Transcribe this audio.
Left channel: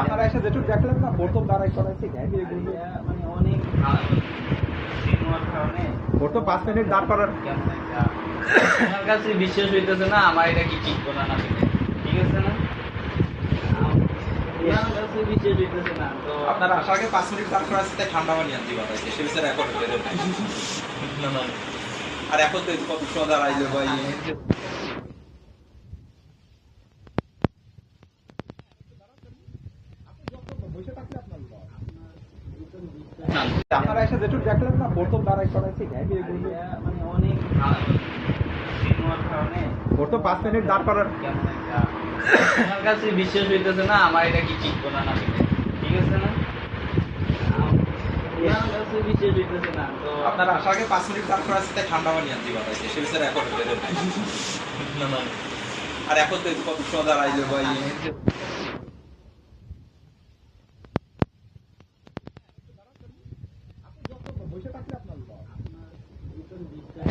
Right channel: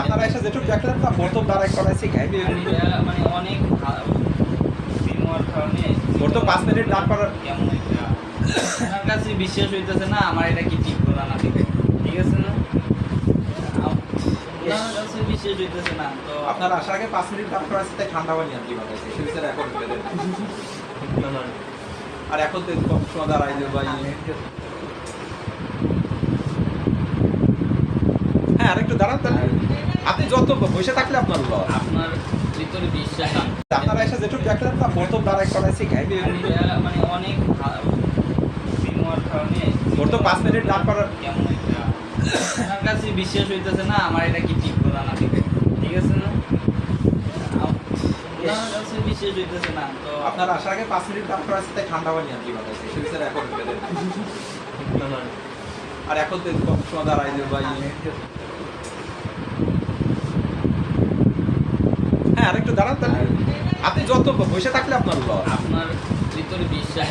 আপনারা এসে যেটুকু দেখলেন না প্রথম দাঁড়াই করাইছি ঘাইবে মানে অনেক নেওয়ার কারণে প্রথম 5 মিনিট দাঁড় করার কেমন একটা আমার কাছে বিশ্বাস হইতেছে না আমার এটা কি ঠিক করা না ঠিক ঠিক আছে না আমার কাছে বিশ্বাস হইতেছে না তো আপনারা আসার আগে 5 মিনিট দাঁড় করাইছি তাই ঠান্ডা পানি আনতে বাতাইছে সেই বিচার এখন আর এখন তো কত সময় দাঁড়াইলে ভাই হ্যাঁ আরেকটু দাঁড়ান তাহলে আপনি যত বসে থাকলে আপনার লস আপনার ভিতরে বিশ্বাস আপনারা এসে যেটুকু দেখলেন না প্রথম দাঁড়াই করাইছি ঘাইবে মানে অনেক নেওয়ার কারণে প্রথম 5 মিনিট দাঁড় করার কেমন একটা আমার কাছে বিশ্বাস হইতেছে না আমার এটা কি ঠিক করা না ঠিক ঠিক আছে না আমার কাছে বিশ্বাস হইতেছে না তো আপনারা আসার আগে 5 মিনিট দাঁড় করাইছি তাই ঠান্ডা পানি আনতে বাতাইছে সেই বিচার এখন আর এখন তো কত সময় দাঁড়াইলে ভাই হ্যাঁ আরেকটু দাঁড়ান তাহলে আপনি যত বসে থাকলে আপনার লস আপনার ভিতরে বিশ্বাস